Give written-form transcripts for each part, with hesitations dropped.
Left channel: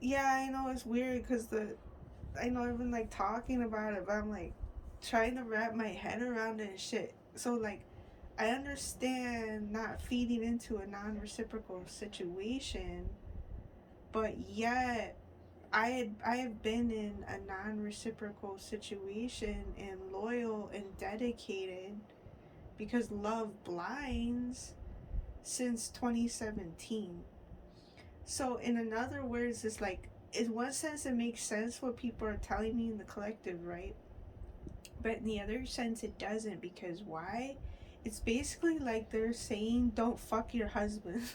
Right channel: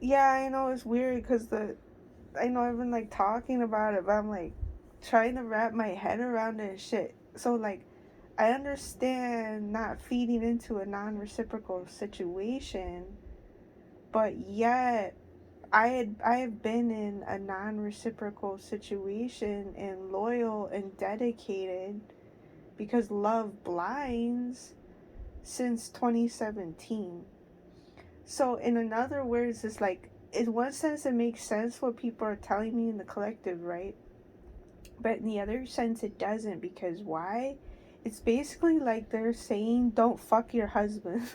Yeah, I know it's weird because I know I've been like talking about it, but I'm like trying to wrap my head around it and shit. So like I understand not feeding into a non-reciprocal situation, but yet I have been in a non-reciprocal situation and loyal and dedicated because love blinds since 2017. So in other words, it's like in one sense it makes sense what people are telling me in the collective, right? But in the other sense it doesn't, because why? It's basically like they're saying don't fuck your husband.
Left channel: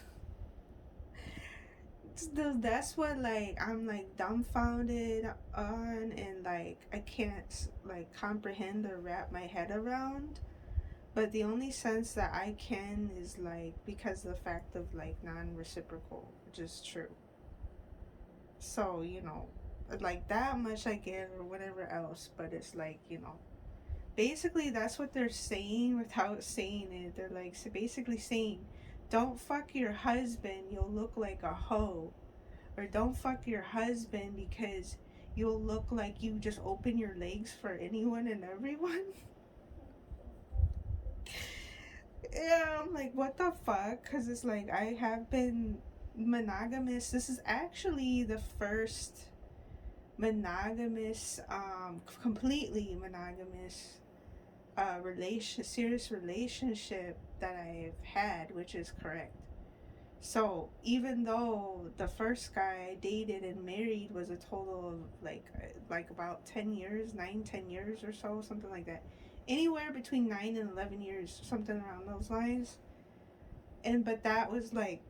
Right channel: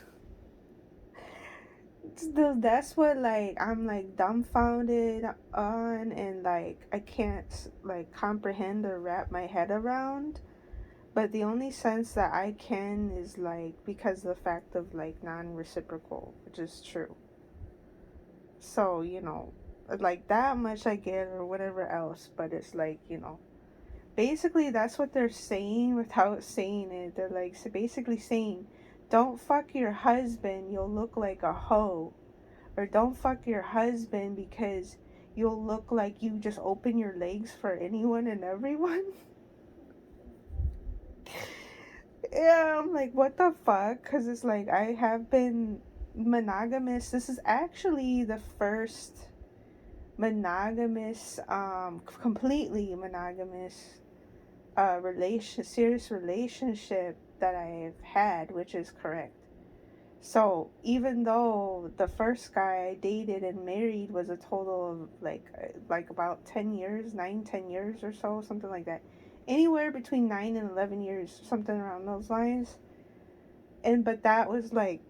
That's what like I'm like dumbfounded on, and like I can't like comprehend or wrap my head around. But the only sense that I can is like because of the fact of like non-reciprocal, which is true. So like that much I get or whatever else, but it's like basically that's what they're saying without saying it. They're like so basically saying don't fuck your husband, you'll look like a hoe. Or don't fuck your husband because you'll look like you just open your legs for anyone and everyone. Yeah, I'm like, what the fuck? Because it's like, I have been monogamous. This is actually the first monogamous, completely monogamous, serious relationship that I've had, which is correct. So even though the first guy I dated and married was a total of like about 10 years, 9, 10 years or so, something like that, anywhere between 9 and 11 years, something around those lines. And but that was like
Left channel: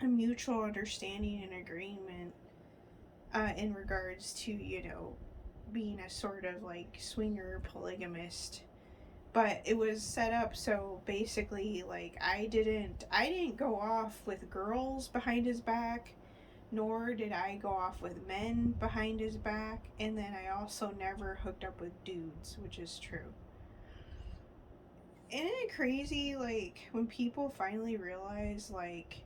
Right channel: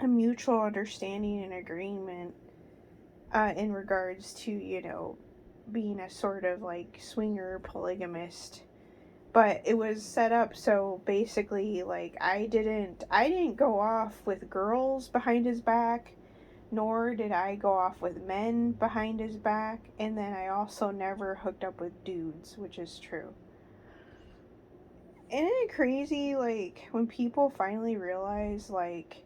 a mutual understanding and agreement in regards to being a sort of like swinger polygamist. But it was set up so basically like I didn't go off with girls behind his back, nor did I go off with men behind his back, and then I also never hooked up with dudes, which is true. Isn't it crazy like when people finally realize like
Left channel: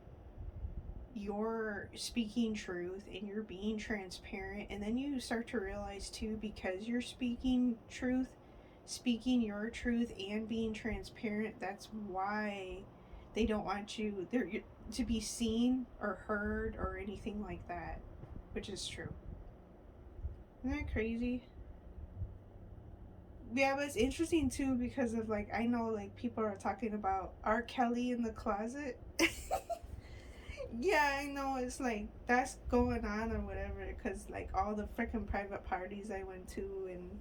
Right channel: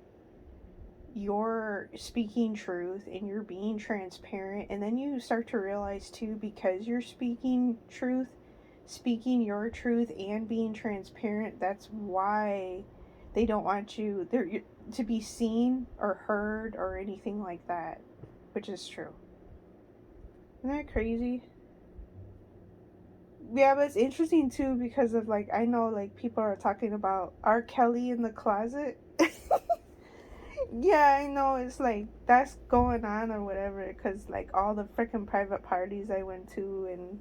you're speaking truth and you're being transparent, and then you start to realize too, because you're speaking your truth and being transparent, that's why they don't want you there to be seen or heard or anything like that, which is true. Isn't that crazy? Yeah, but it's interesting too because of like I know like people are talking about R. Kelly in the closet. Yeah, I know it's like that's going on or whatever because like all the freaking private parties I went to and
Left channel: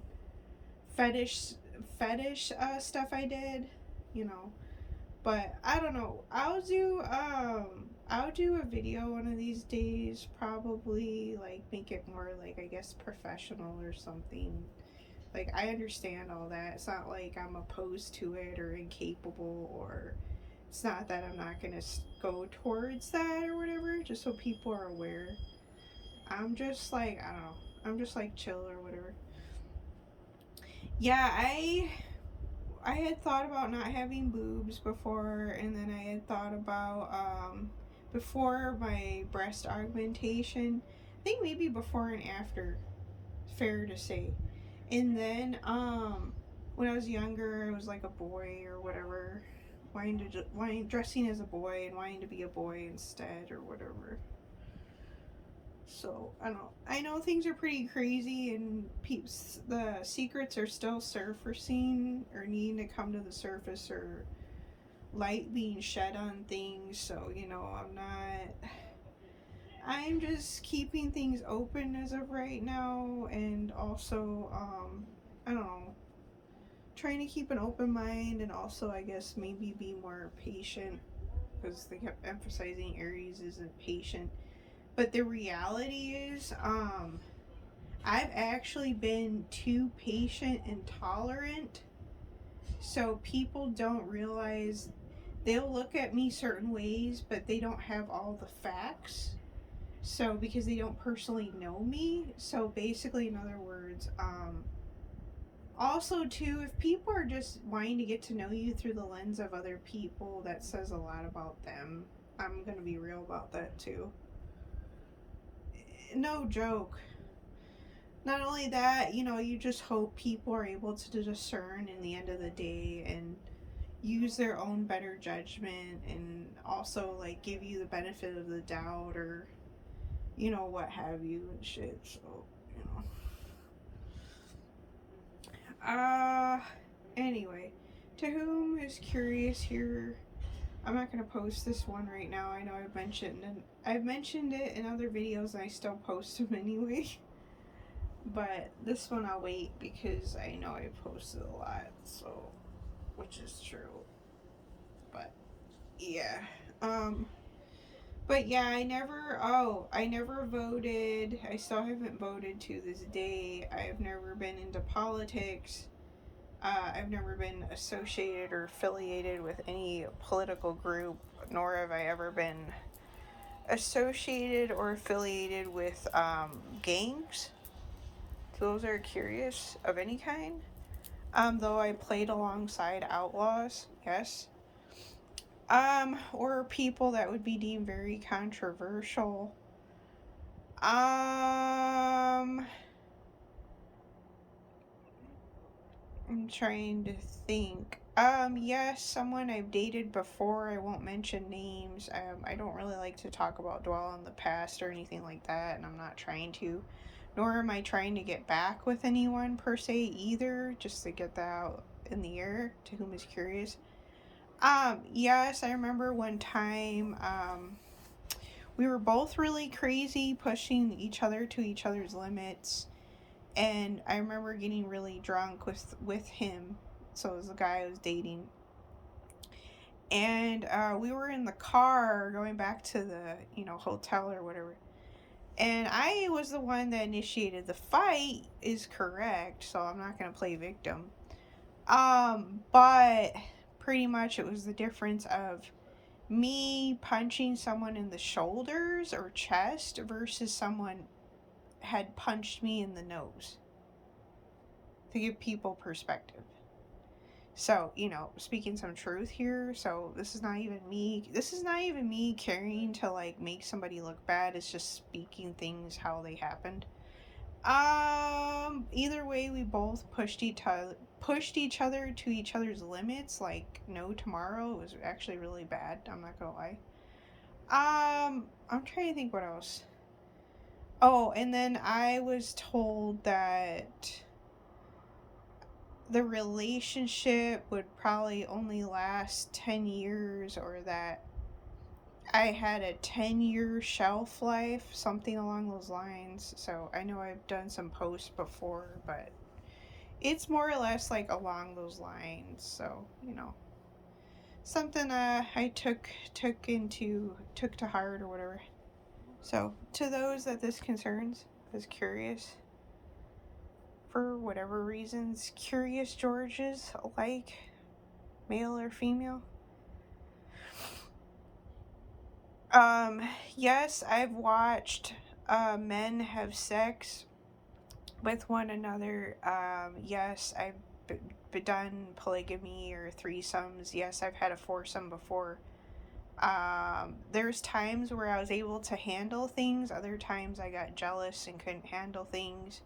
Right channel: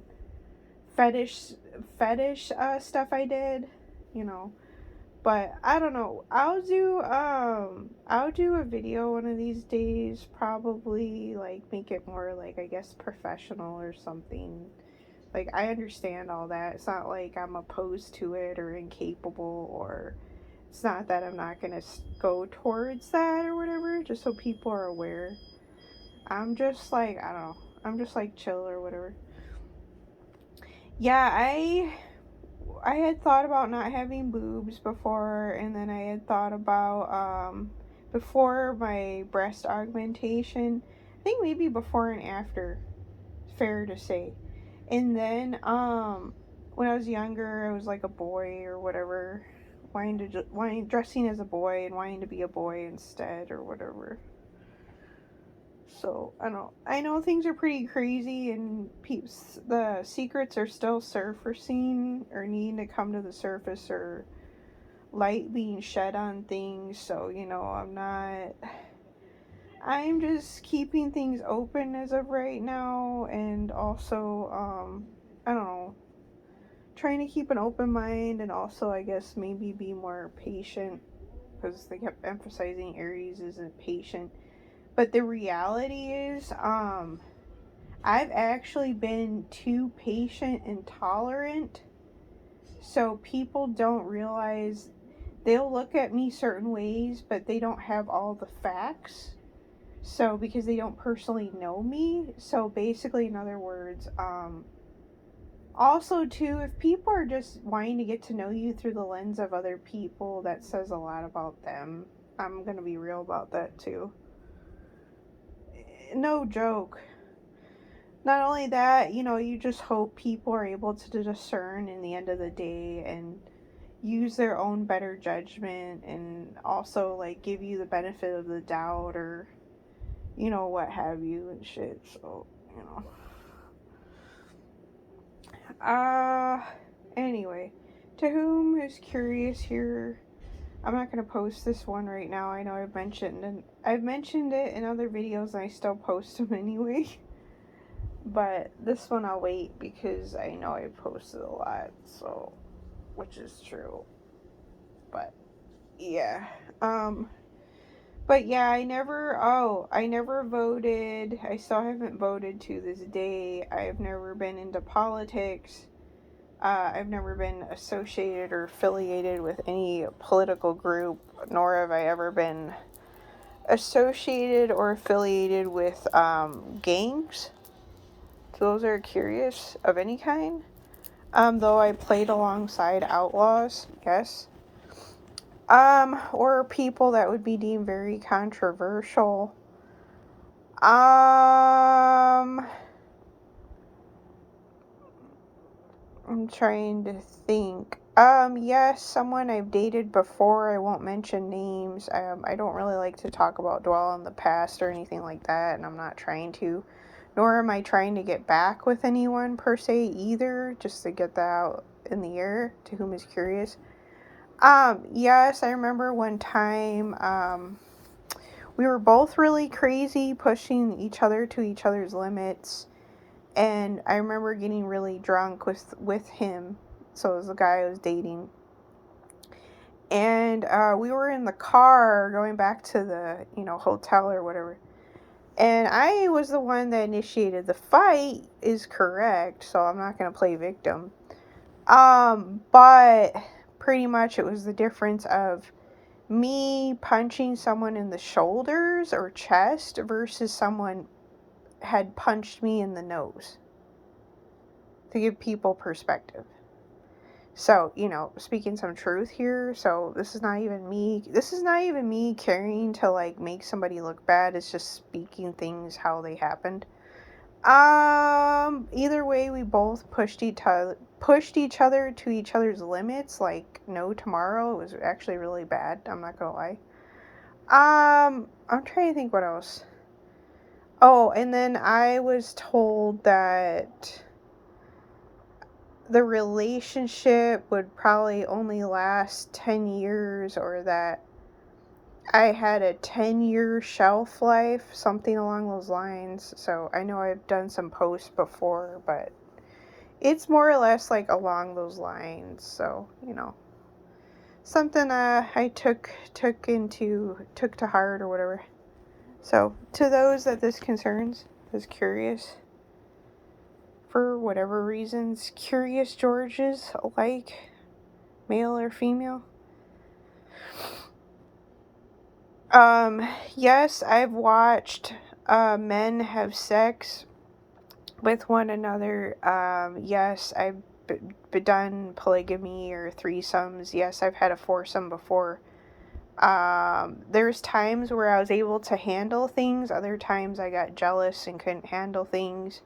fetish fetish stuff I did, you know. But I don't know. I'll do a video one of these days, probably like make it more like I guess professional or something. Like I understand all that. It's not like I'm opposed to it or incapable, or it's not that I'm not going to go towards that or whatever, just so people are aware. I'm just like, I don't know. I'm just like chill or whatever. Yeah, I had thought about not having boobs before, and then I had thought about before my breast augmentation. I think maybe before and after, fair to say. And then when I was younger, I was like a boy or whatever, wanting dressing as a boy and wanting to be a boy instead or whatever. So I know things are pretty crazy, and peeps the secrets are still surfacing or needing to come to the surface, or light being shed on things. So I'm just keeping things open as of right now, and also I don't know, trying to keep an open mind, and also I guess maybe be more patient because they kept emphasizing Aries isn't patient. But the reality is, I've actually been too patient and tolerant, so people don't realize they'll look at me certain ways, but they don't have all the facts. So because they don't personally know me, so basically, in other words, also too, if people are just wanting to get to know you through the lens of other people, that says a lot about them. I'm gonna be real about that too. no joke. Not only that, you just hope people are able to discern in the end of the day and use their own better judgment, and also like give you the benefit of the doubt, or what have you and shit. So, you know. Anyway, to whom is curious here, I'm not gonna post this one right now. I know I've mentioned it in other videos, and I still post them anyway. But this one I'll wait because I know I posted a lot, so, which is true. But yeah, but yeah, I never voted. I still haven't voted to this day. I've never been into politics. I've never been associated or affiliated with any political group, nor have I ever been associated or affiliated with gangs. So those are curious of any kind. Though I played alongside outlaws, yes. Or people that would be deemed very controversial. I'm trying to think. Yes, someone I've dated before. I won't mention names. I don't really like to talk about dwell on the past or anything like that, and I'm not trying to. Nor am I trying to get back with anyone per se either, just to get that out in the air to whom is curious. Yes, I remember one time, we were both really crazy, pushing each other to each other's limits, and I remember getting really drunk with him. So it was the guy I was dating, and we were in the car going back to the hotel or whatever, and I was the one that initiated the fight. Is correct, so I'm not gonna play victim. But pretty much it was the difference of me punching someone in the shoulders or chest versus someone had punched me in the nose, to give people perspective. So, speaking some truth here. So this is not even me caring to like make somebody look bad. It's just speaking things how they happened. Either way, we both pushed each other to each other's limits like no tomorrow. It was actually really bad, I'm not gonna lie. I'm trying to think what else. Oh, and then I was told that the relationship would probably only last 10 years, or that I had a 10-year shelf life, something along those lines. So I know I've done some posts before, but it's more or less like along those lines. So, something I took to heart or whatever. So, to those that this concerns, is curious, for whatever reasons, curious Georges alike, male or female. Yes, I've watched men have sex with one another. Yes, I've done polygamy or threesomes. Yes, I've had a foursome before. There's times where I was able to handle things, other times I got jealous and couldn't handle things.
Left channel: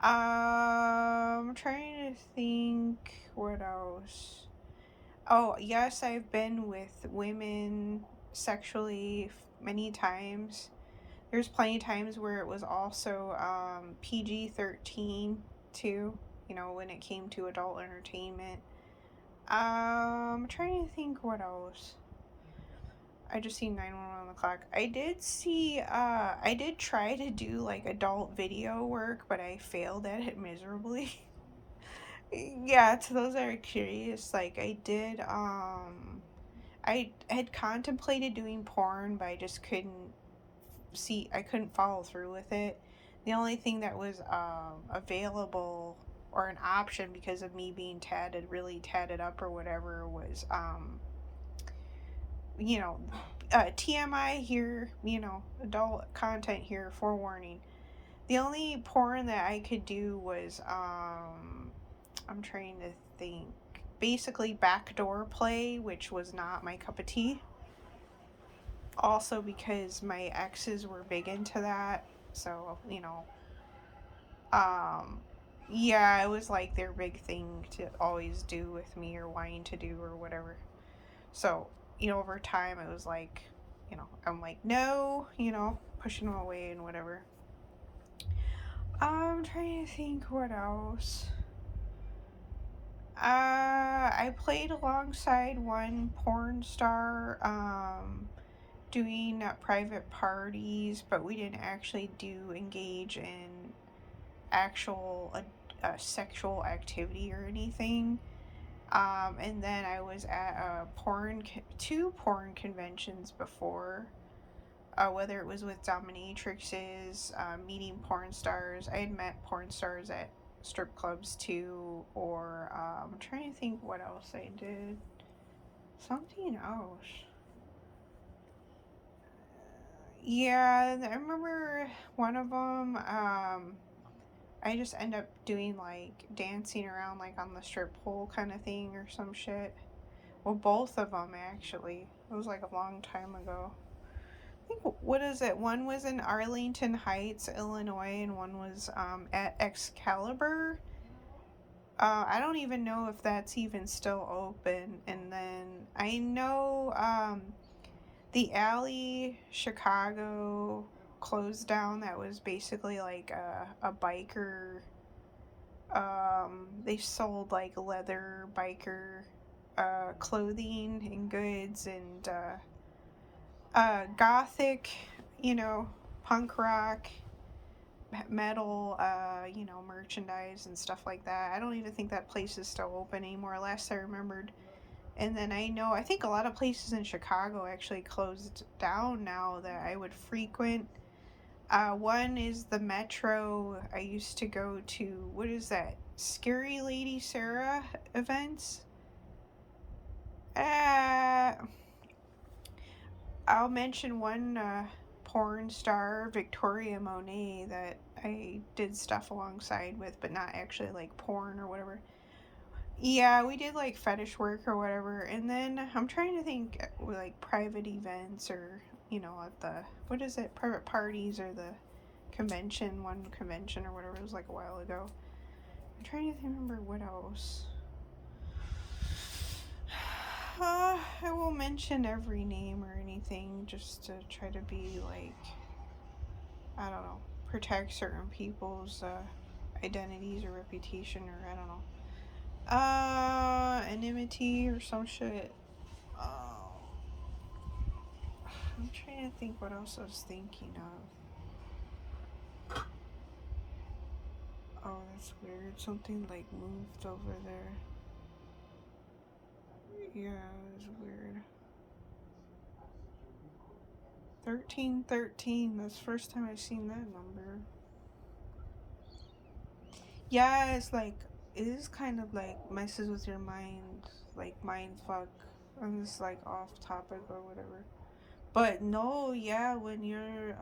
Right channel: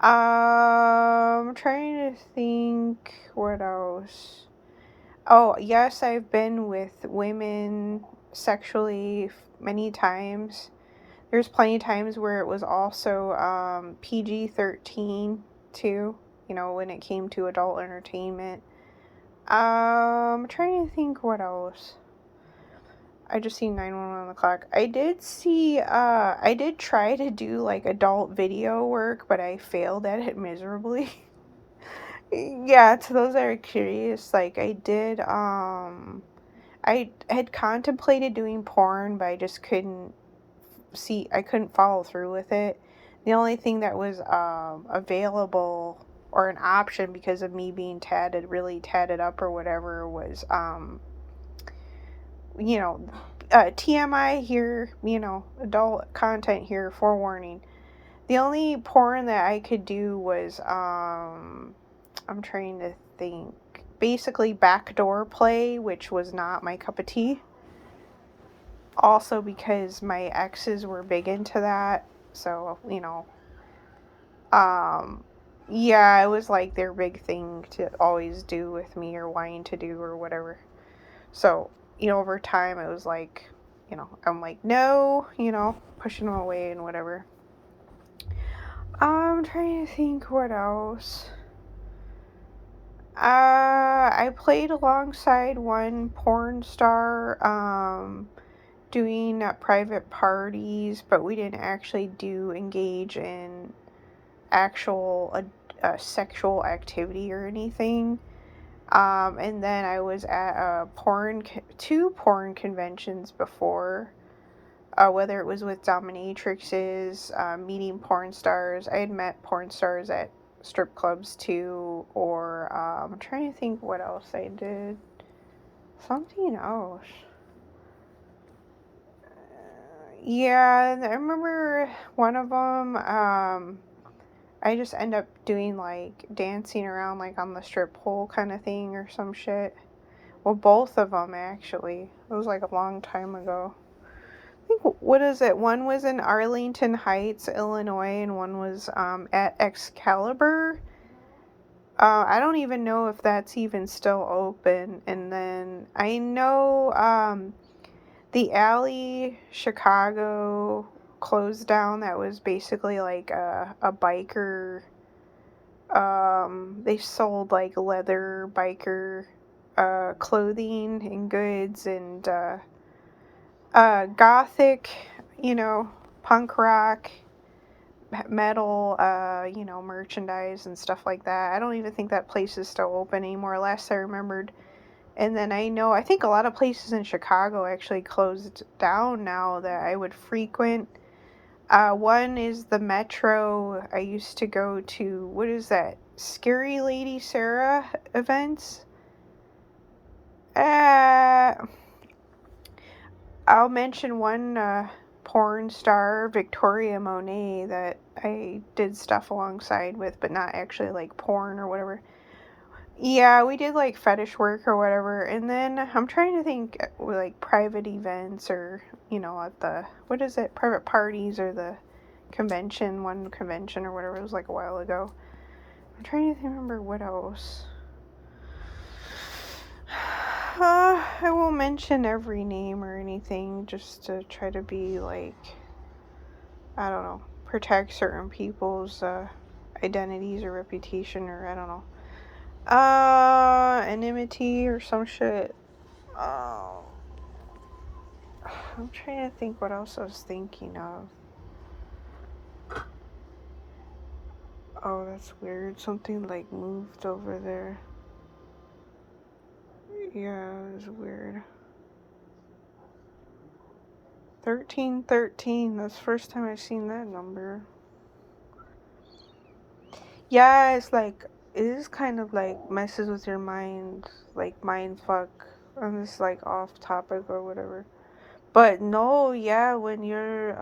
I'm trying to think what else. Oh, yes, I've been with women sexually many times. There's plenty of times where it was also PG-13 too, when it came to adult entertainment. I'm trying to think what else. I just seen 911 on the clock. I did try to do like adult video work, but I failed at it miserably. Yeah, to those that are curious, like I had contemplated doing porn, but I just I couldn't follow through with it. The only thing that was available or an option because of me being really tatted up or whatever, was you know, TMI here, adult content here, forewarning. The only porn that I could do was, I'm trying to think, basically backdoor play, which was not my cup of tea. Also because my exes were big into that. So, um, yeah, it was like their big thing to always do with me or wanting to do or whatever. So, over time, it was like, I'm like, no, pushing them away and whatever. I'm trying to think what else. I played alongside one porn star, doing private parties, but we didn't actually do engage in actual sexual activity or anything. And then I was at two porn conventions before, whether it was with dominatrixes, meeting porn stars. I had met porn stars at strip clubs too, or I'm trying to think what else I did. Something else. Yeah, I remember one of them. I just end up doing like dancing around like on the strip pole kind of thing or some shit. Well, both of them actually. It was like a long time ago. I think, what is it? One was in Arlington Heights, Illinois, and one was at Excalibur. I don't even know if that's even still open. And then I know the Alley Chicago closed down. That was basically like a biker. They sold like leather biker clothing and goods and gothic, you know, punk rock, metal, merchandise and stuff like that. I don't even think that place is still open anymore, last I remembered. And then I think a lot of places in Chicago actually closed down now that I would frequent. One is the Metro. I used to go to, what is that? Scary Lady Sarah events. Uh, I'll mention one porn star, Victoria Monet, that I did stuff alongside with, but not actually like porn or whatever. Yeah, we did like fetish work or whatever. And then I'm trying to think like private events or, at the, what is it, private parties or the one convention or whatever. It was like a while ago. I'm trying to remember what else. I won't mention every name or anything just to try to be like, I don't know, protect certain people's identities or reputation or I don't know. Anonymity or some shit. Oh, I'm trying to think what else I was thinking of. Oh, that's weird. Something like moved over there. Yeah, it was weird. 1313. That's the first time I've seen that number. Yeah, it's like, it is kind of like messes with your mind, like mind fuck on this like off topic or whatever. But no, yeah, when you're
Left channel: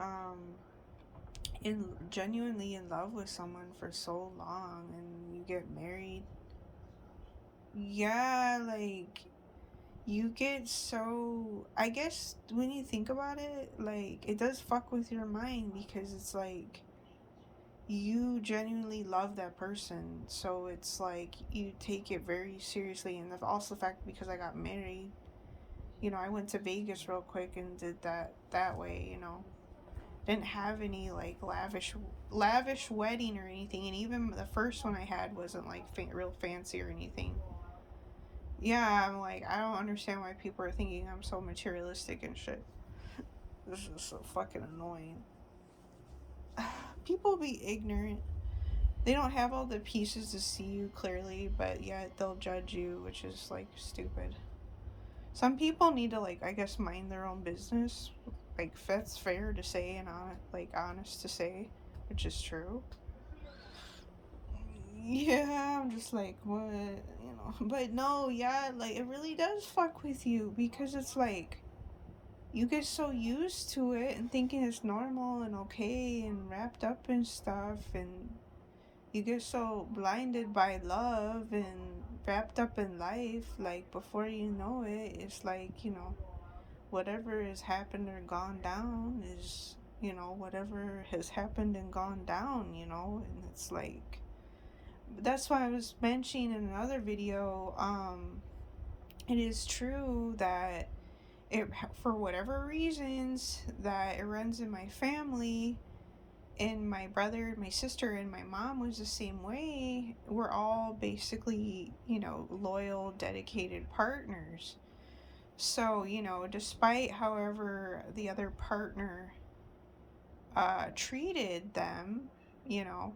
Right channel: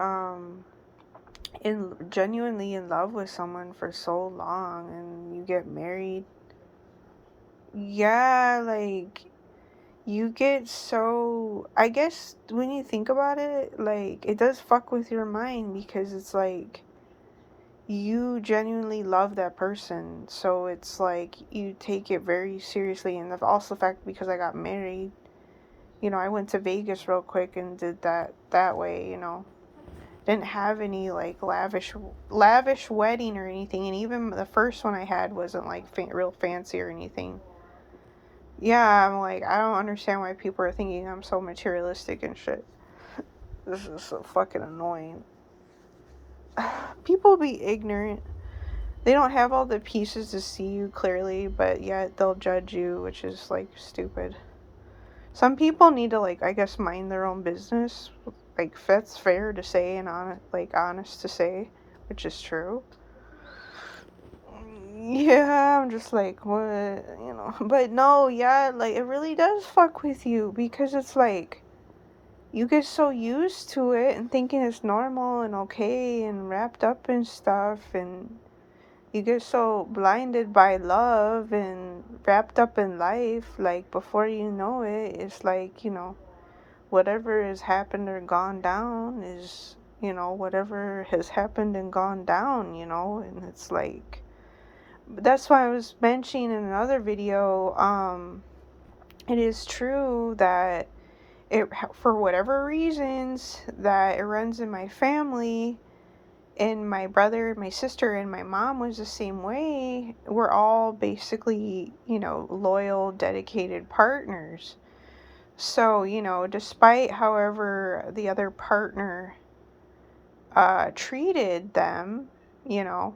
in genuinely in love with someone for so long and you get married, yeah, like you get so, I guess when you think about it, like it does fuck with your mind because it's like you genuinely love that person, so it's like you take it very seriously. And also the fact, because I got married, I went to Vegas real quick and did that way, didn't have any like lavish wedding or anything, and even the first one I had wasn't like real fancy or anything. Yeah, I'm like, I don't understand why people are thinking I'm so materialistic and shit. This is so fucking annoying. People be ignorant. They don't have all the pieces to see you clearly, but yet they'll judge you, which is like stupid. Some people need to, like, I guess, mind their own business. Like, that's fair to say and honest to say, which is true. Yeah, I'm just like, what, But no, yeah, like, it really does fuck with you because it's like, you get so used to it and thinking it's normal and okay and wrapped up in stuff, and you get so blinded by love and wrapped up in life, like, before you know it, it's like, whatever has happened or gone down is you know, whatever has happened and gone down, you know, and it's like, that's why I was mentioning in another video, it is true that it, for whatever reasons that it runs in my family, and my brother, my sister, and my mom was the same way. We're all basically, you know, loyal, dedicated partners. So, you know, despite however the other partner treated them, you know,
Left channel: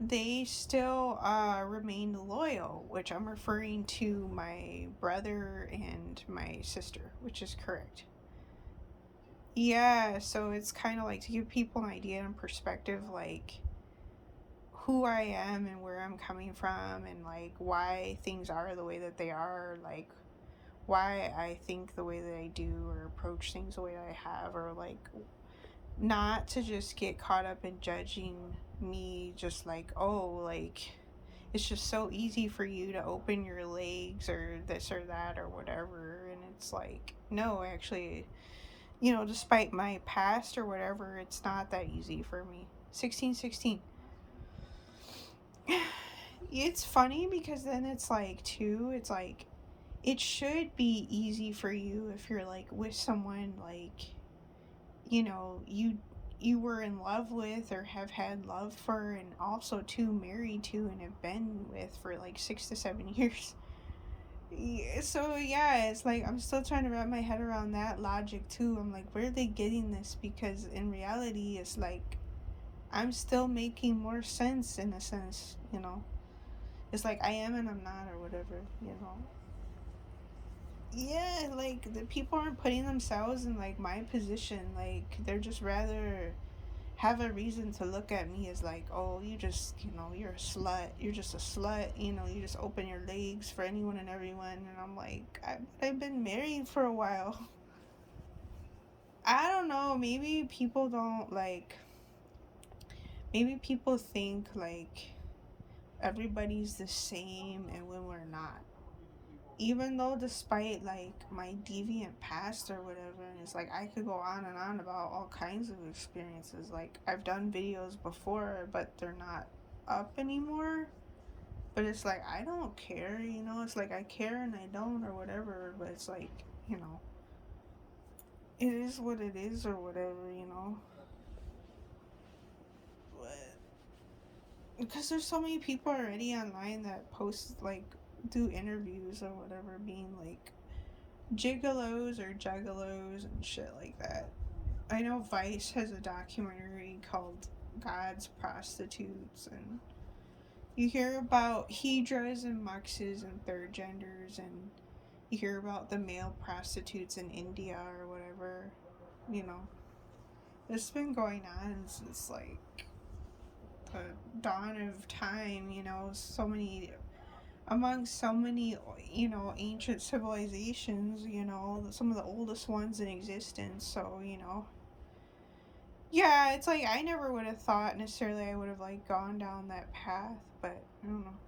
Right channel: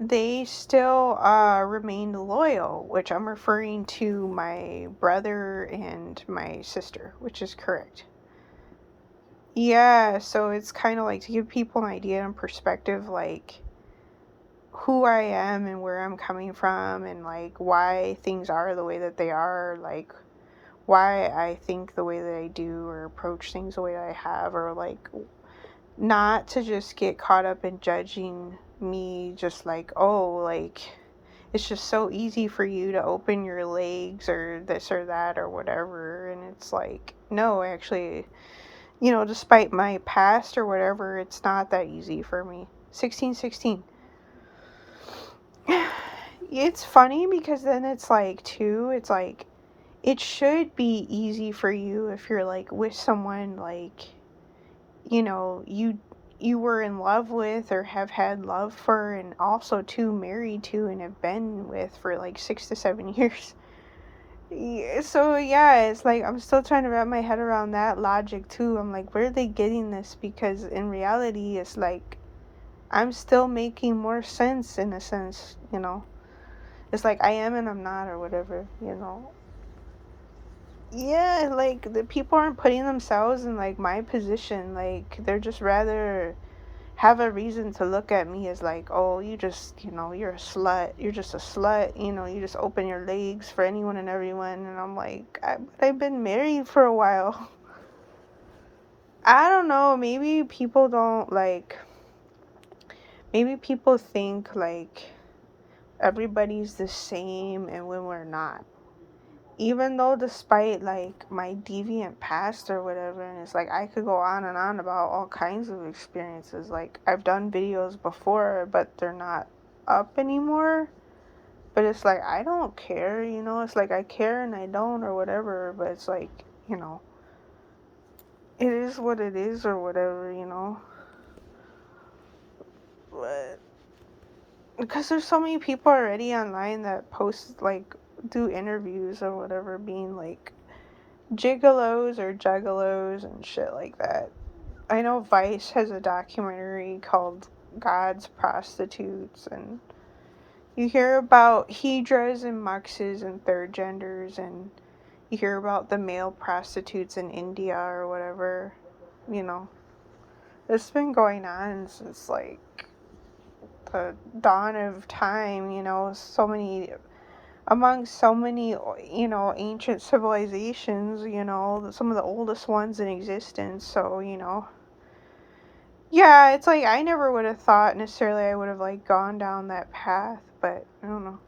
they still remained loyal, which I'm referring to my brother and my sister, which is correct. Yeah, so it's kind of like to give people an idea and perspective, like who I am and where I'm coming from, and like why things are the way that they are, like why I think the way that I do or approach things the way that I have, or like not to just get caught up in judging me, just like, oh, like it's just so easy for you to open your legs or this or that or whatever. And it's like, no, actually, you know, despite my past or whatever, it's not that easy for me. 1616. It's funny because then it's like, too, it's like, it should be easy for you if you're like with someone like, you know, you were in love with or have had love for, and also too married to and have been with for like 6 to 7 years. Yeah, so yeah, it's like I'm still trying to wrap my head around that logic too. I'm like, where are they getting this? Because in reality, it's like I'm still making more sense in a sense, you know. It's like I am and I'm not, or whatever, you know. Yeah, like the people aren't putting themselves in like my position. Like they're just rather have a reason to look at me as like, oh, you just, you know, you're a slut. You're just a slut. You know, you just open your legs for anyone and everyone. And I'm like, I've been married for a while. I don't know. Maybe people don't like. Maybe people think like everybody's the same, and when we're not. Even though despite like my deviant past or whatever, and it's like I could go on and on about all kinds of experiences, like I've done videos before but they're not up anymore, but it's like I don't care, you know. It's like I care and I don't or whatever, but it's like, you know, it is what it is or whatever, you know. But because there's so many people already online that post like do interviews or whatever being like gigolos or juggalos and shit like that. I know Vice has a documentary called God's Prostitutes, and you hear about Hedras and Muxes and third genders, and you hear about the male prostitutes in India or whatever, you know. It's been going on since like the dawn of time, you know, so many among so many, you know, ancient civilizations, you know, some of the oldest ones in existence. So, you know, yeah, it's like I never would have thought necessarily I would have like gone down that path, but I don't know.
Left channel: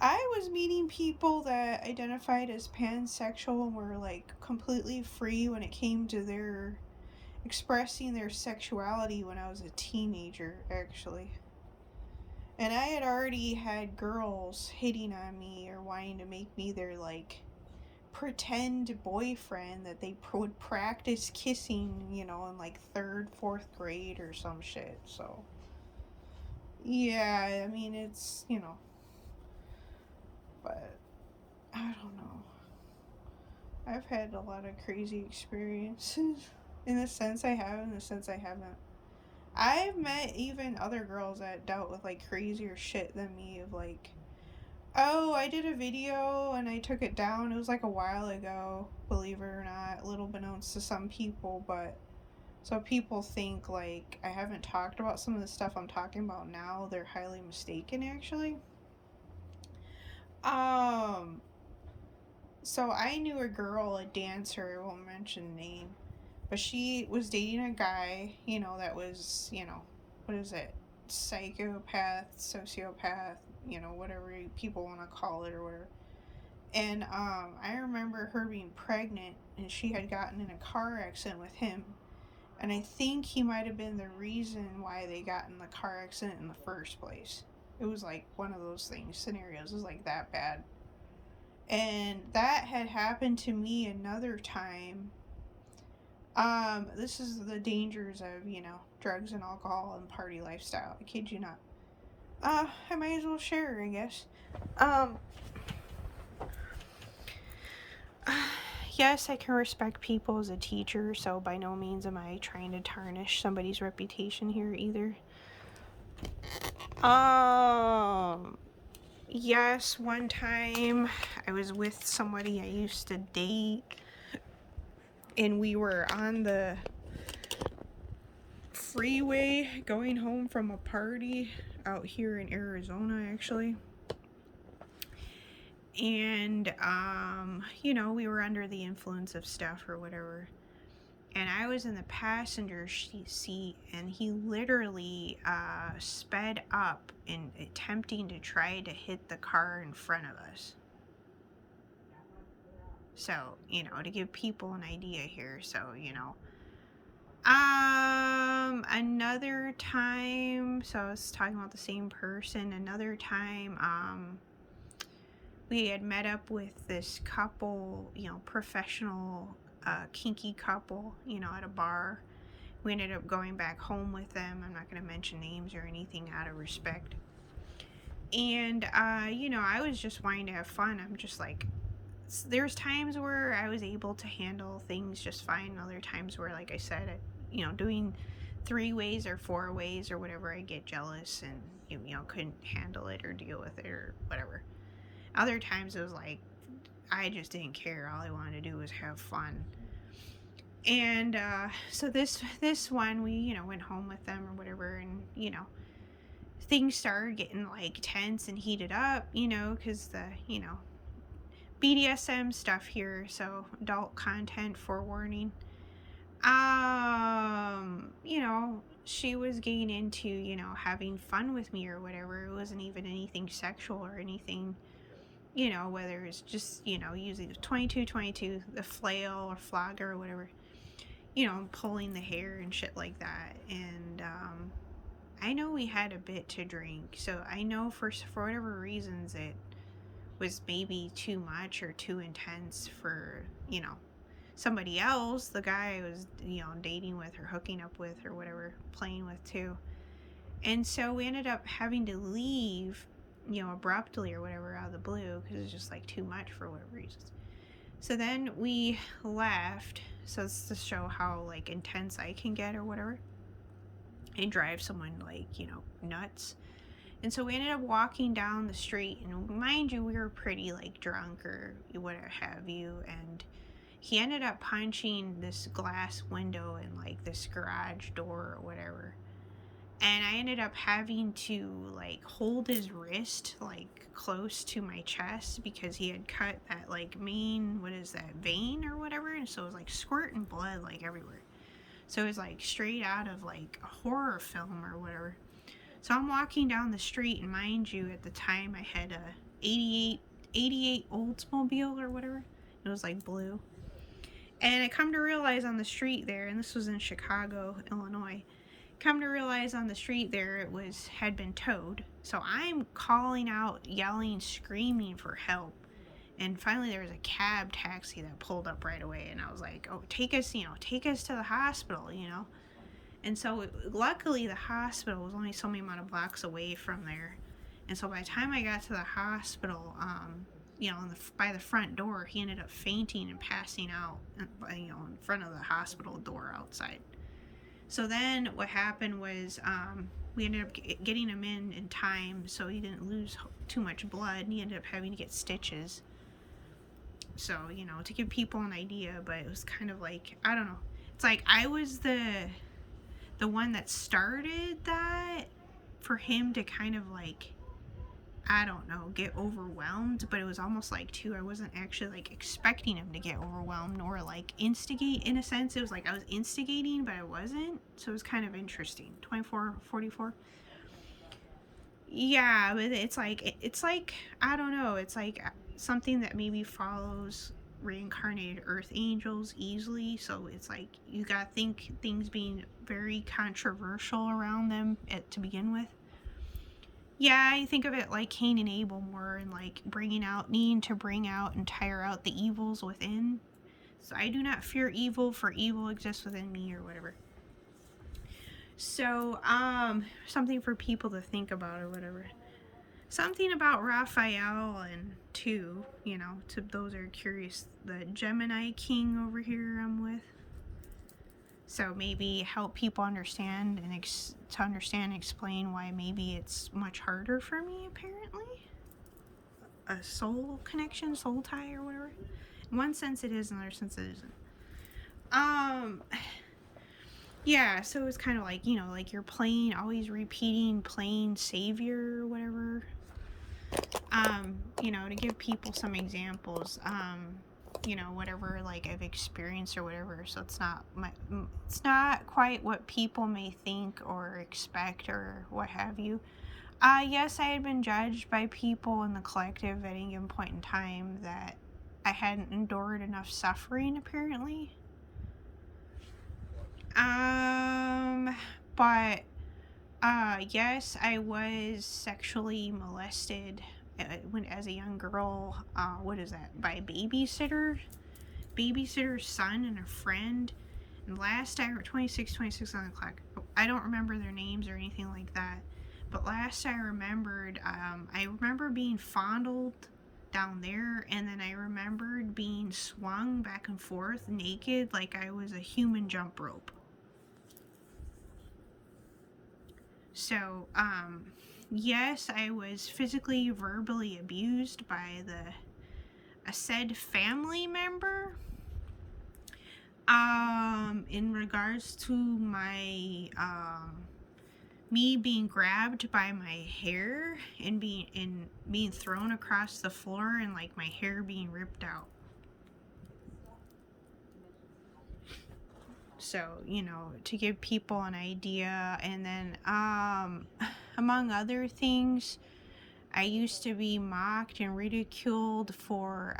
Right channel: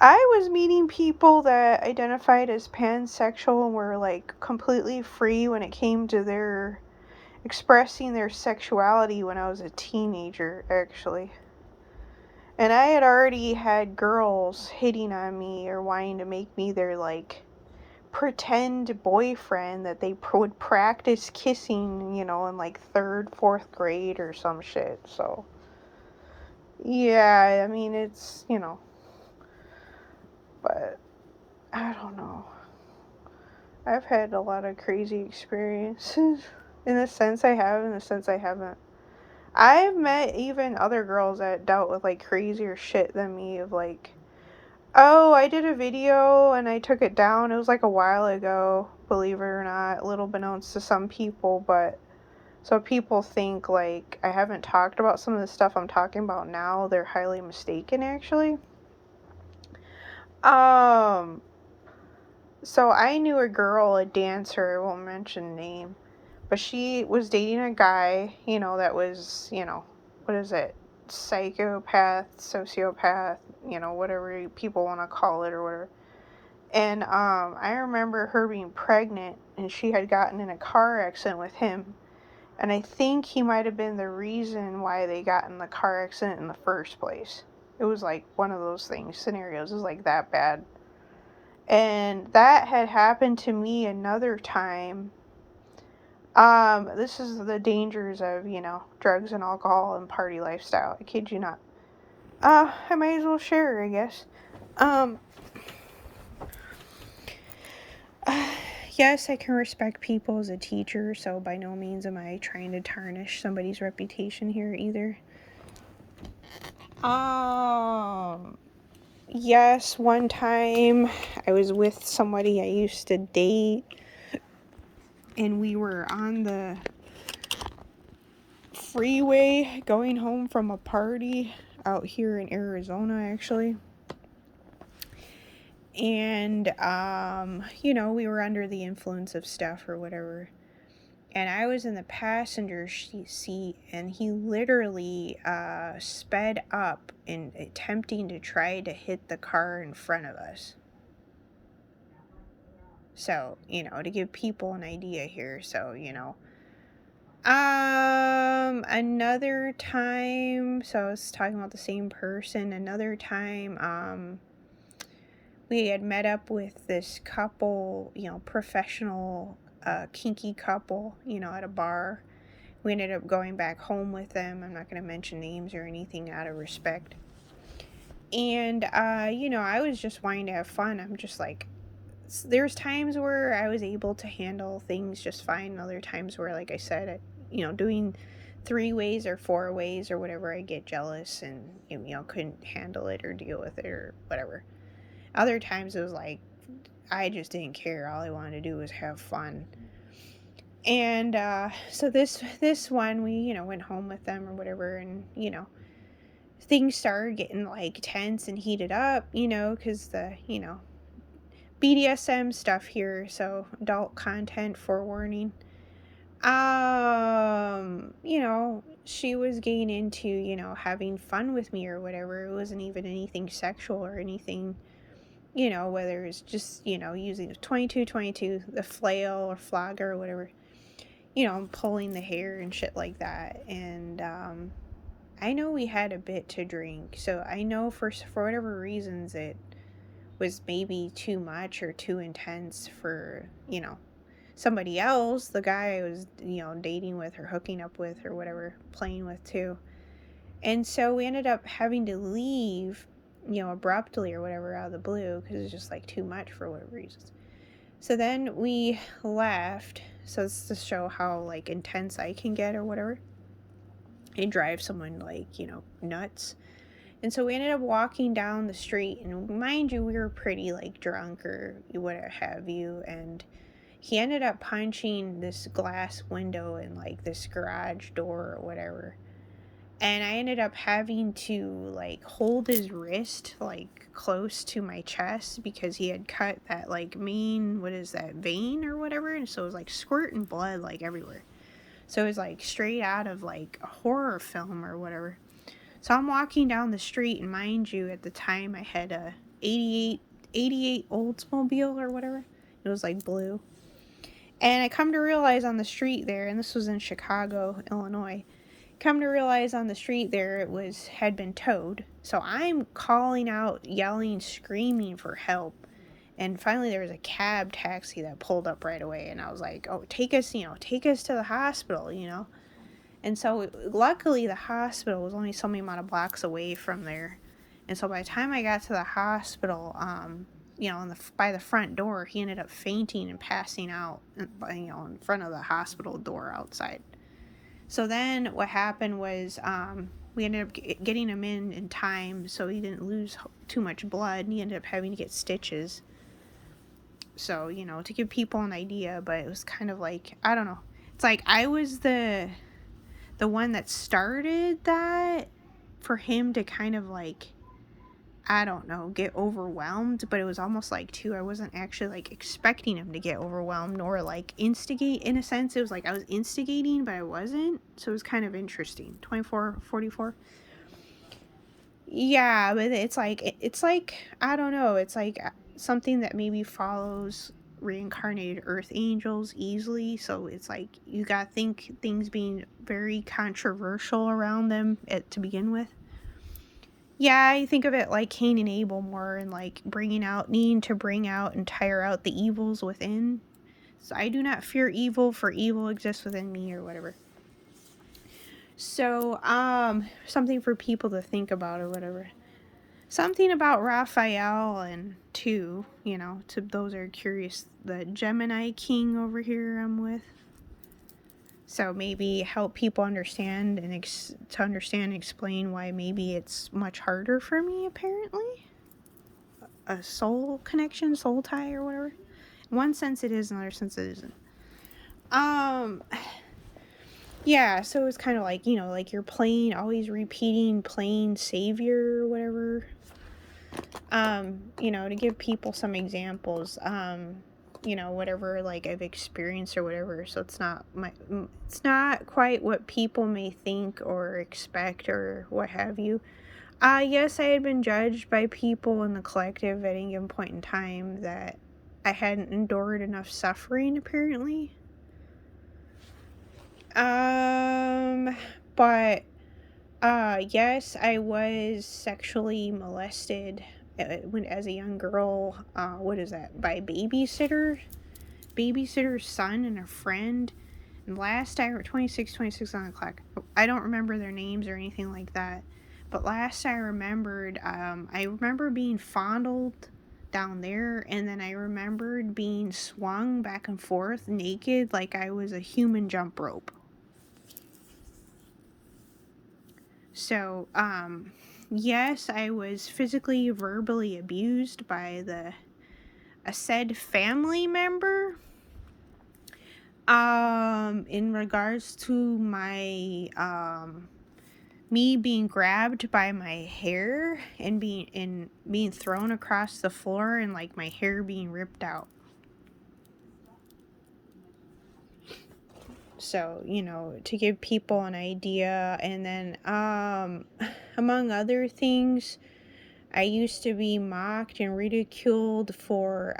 I was meeting people that identified as pansexual and were like completely free when it came to their expressing their sexuality when I was a teenager, actually. And I had already had girls hitting on me or wanting to make me their like pretend boyfriend that they would practice kissing, you know, in like third, fourth grade or some shit. So, yeah, I mean, it's, you know, but I don't know. I've had a lot of crazy experiences. In the sense I have, in the sense I haven't. I've met even other girls that dealt with like crazier shit than me, of like, oh, I did a video and I took it down. It was like a while ago, believe it or not, a little beknownst to some people, but so people think like I haven't talked about some of the stuff I'm talking about now. They're highly mistaken, actually. Um, so I knew a girl, a dancer, I won't mention name, but she was dating a guy, you know, that was, you know, what is it? Psychopath, sociopath, you know, whatever people want to call it or whatever. And I remember her being pregnant and she had gotten in a car accident with him. And I think he might have been the reason why they got in the car accident in the first place. It was like one of those things, scenarios. It was like that bad. And that had happened to me another time. This is the dangers of, drugs and alcohol and party lifestyle. I kid you not. I might as well share, I guess. Um, uh, yes, I can respect people as a teacher, so by no means am I trying to tarnish somebody's reputation here either. Um, yes, one time I was with somebody I used to date, and we were on the freeway going home from a party out here in Arizona, actually. And, we were under the influence of stuff or whatever. And I was in the passenger seat, and he literally sped up in attempting to try to hit the car in front of us. So, to give people an idea here. So, another time, so I was talking about the same person. Another time, we had met up with this couple, professional, kinky couple, at a bar. We ended up going back home with them. I'm not going to mention names or anything out of respect. And, I was just wanting to have fun. I'm just like, there's times where I was able to handle things just fine. Other times where, like I said, doing 3 ways or 4 ways or whatever, I get jealous and, couldn't handle it or deal with it or whatever. Other times it was like, I just didn't care. All I wanted to do was have fun. And so this one, we went home with them or whatever, and things started getting like tense and heated up, because the BDSM stuff here, so adult content, forewarning. She was getting into having fun with me or whatever. It wasn't even anything sexual or anything. Whether it's just using the 2222, the flail or flogger or whatever, pulling the hair and shit like that. And I know we had a bit to drink, so I know for whatever reasons it was maybe too much or too intense for somebody else, the guy I was dating with or hooking up with or whatever, playing with too. And so we ended up having to leave, abruptly or whatever, out of the blue, because it was just like too much for whatever reasons. So then we left. So it's to show how like intense I can get or whatever, and drive someone like nuts. And so we ended up walking down the street, and mind you, we were pretty like drunk or what have you, and he ended up punching this glass window in like this garage door or whatever. And I ended up having to like hold his wrist like close to my chest because he had cut that like main, what is that, vein or whatever, and so it was like squirting blood like everywhere. So it was like straight out of like a horror film or whatever. So I'm walking down the street, and mind you, at the time I had a 88 Oldsmobile or whatever. It was like blue. And I come to realize on the street there, and this was in Chicago, Illinois, come to realize on the street there it had been towed. So I'm calling out, yelling, screaming for help. And finally there was a cab taxi that pulled up right away, and I was like, "Oh, take us to the hospital, And so luckily the hospital was only so many amount of blocks away from there. And so by the time I got to the hospital, by the front door, he ended up fainting and passing out, in front of the hospital door outside. So then what happened was we ended up getting him in time so he didn't lose too much blood, and he ended up having to get stitches. So, to give people an idea, but it was kind of like, I don't know. It's like I was the one that started that for him to kind of like, I don't know, get overwhelmed, but it was almost like too, I wasn't actually like expecting him to get overwhelmed or like instigate in a sense. It was like I was instigating, but I wasn't. So it was kind of interesting. 2444. Yeah, but it's like I don't know, it's like something that maybe follows reincarnated earth angels easily, so it's like you gotta think things being very controversial around them to begin with. Yeah, I think of it like Cain and Abel more, and like needing to bring out and tire out the evils within. So I do not fear evil, for evil exists within me, or whatever. So, something for people to think about, or whatever. Something about Raphael and two, to those are curious, the Gemini King over here I'm with. So maybe help people understand and explain why maybe it's much harder for me, apparently. A soul connection, soul tie, or whatever. In one sense it is, in another sense it isn't. Yeah, so it's kind of like, like you're always repeating playing savior or whatever. To give people some examples, whatever like I've experienced or whatever, so it's not quite what people may think or expect or what have you. Yes, I had been judged by people in the collective at any given point in time that I hadn't endured enough suffering, apparently. But yes, I was sexually molested as a young girl. What is that? By babysitter's son and a friend. And last I 26 on the clock. I don't remember their names or anything like that. But last I remembered, I remember being fondled down there, and then I remembered being swung back and forth naked like I was a human jump rope. So, yes, I was physically, verbally abused by a said family member. In regards to my, me being grabbed by my hair and being thrown across the floor and like my hair being ripped out. So, to give people an idea. And then, among other things, I used to be mocked and ridiculed for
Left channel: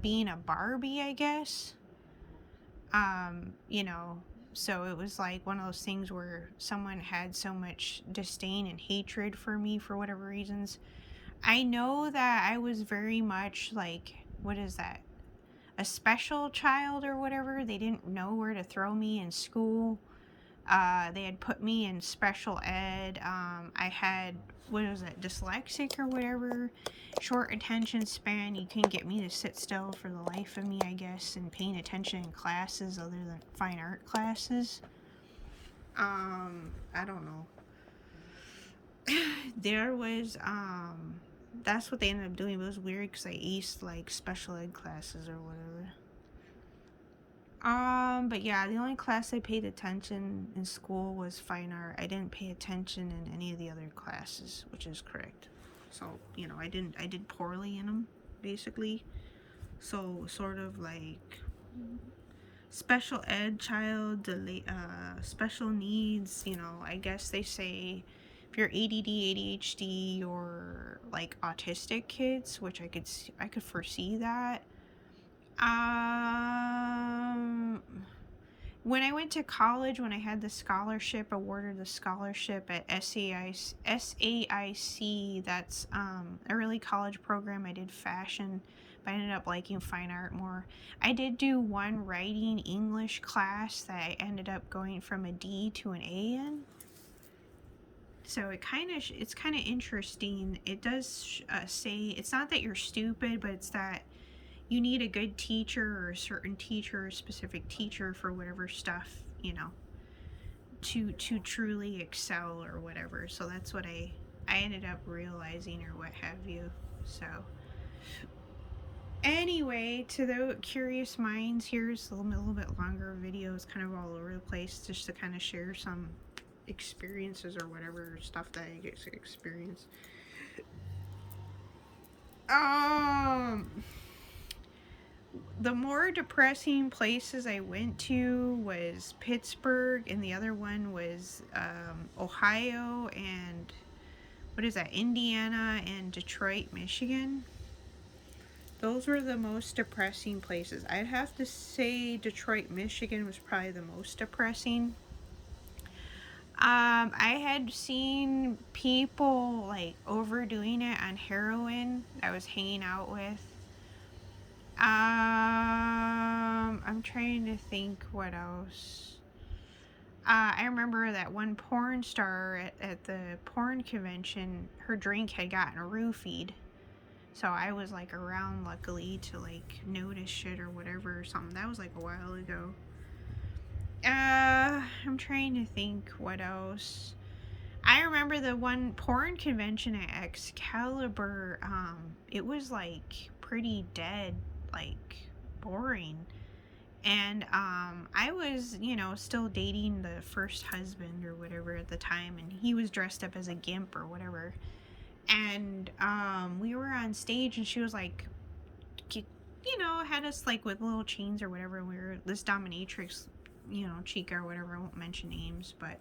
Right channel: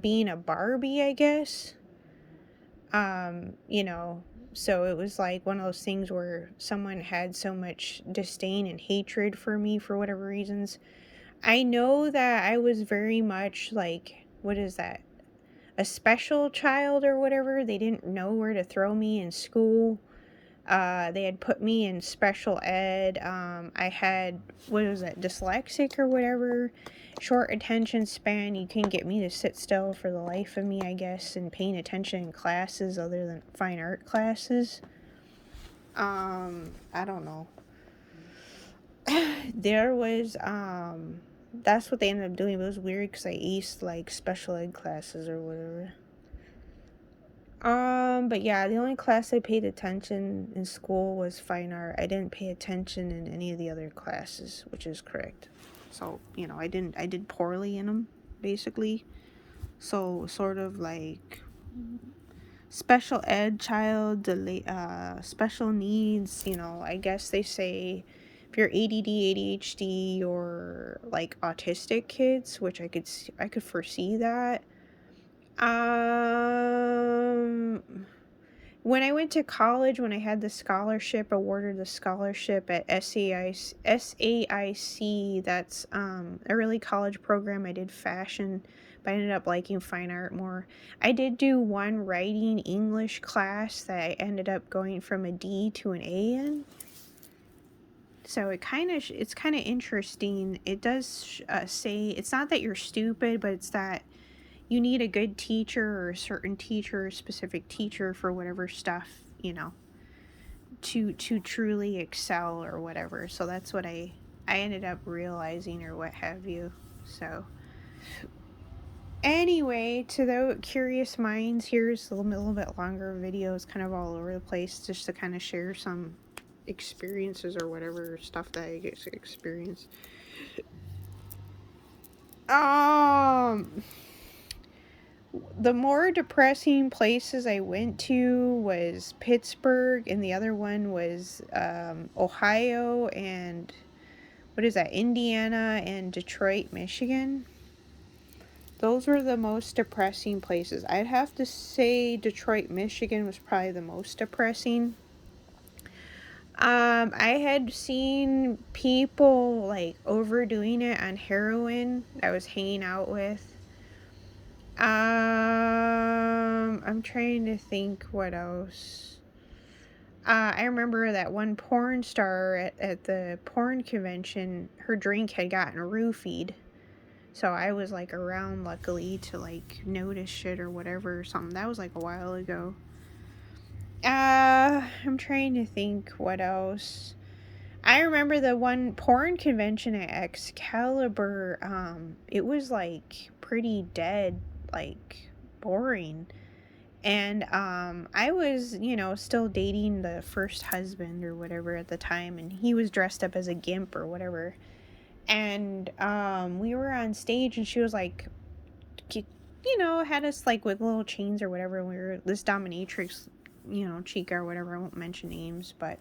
being a Barbie, I guess. So it was like one of those things where someone had so much disdain and hatred for me for whatever reasons. I know that I was very much like, what is that? A special child or whatever. They didn't know where to throw me in school. They had put me in special ed. I had, what was that, dyslexic or whatever, short attention span. You can get me to sit still for the life of me, I guess, and paying attention in classes other than fine art classes. I don't know. There was, that's what they ended up doing. It was weird because I aced like special ed classes or whatever. But yeah, the only class I paid attention in school was fine art. I didn't pay attention in any of the other classes, which is correct. So, I did poorly in them, basically. So, sort of like special ed child, special needs, I guess they say if you're ADD, ADHD, or like autistic kids, which I could foresee that. When I went to college, when I had the scholarship, awarded the scholarship at SAIC, that's a early college program. I did fashion, but I ended up liking fine art more. I did do one writing English class that I ended up going from a D to an A in. So it's kind of interesting. It does say, it's not that you're stupid, but it's that you need a good teacher or a certain teacher, a specific teacher for whatever stuff, to truly excel or whatever. So that's what I ended up realizing or what have you. So anyway, to the curious minds, here's a little bit longer videos, kind of all over the place, just to kind of share some experiences or whatever stuff that I get to experience. The more depressing places I went to was Pittsburgh, and the other one was Ohio, and what is that, Indiana, and Detroit, Michigan. Those were the most depressing places. I'd have to say Detroit, Michigan was probably the most depressing. I had seen people like overdoing it on heroin that I was hanging out with. I'm trying to think what else. I remember that one porn star at the porn convention, her drink had gotten roofied. So I was like around luckily to like notice shit or whatever or something. That was like a while ago. I'm trying to think what else. I remember the one porn convention at Excalibur. It was like pretty dead, like boring. And I was, still dating the first husband or whatever at the time, and he was dressed up as a gimp or whatever. And we were on stage, and she was like, had us like with little chains or whatever. And we were this dominatrix, chica or whatever. I won't mention names, but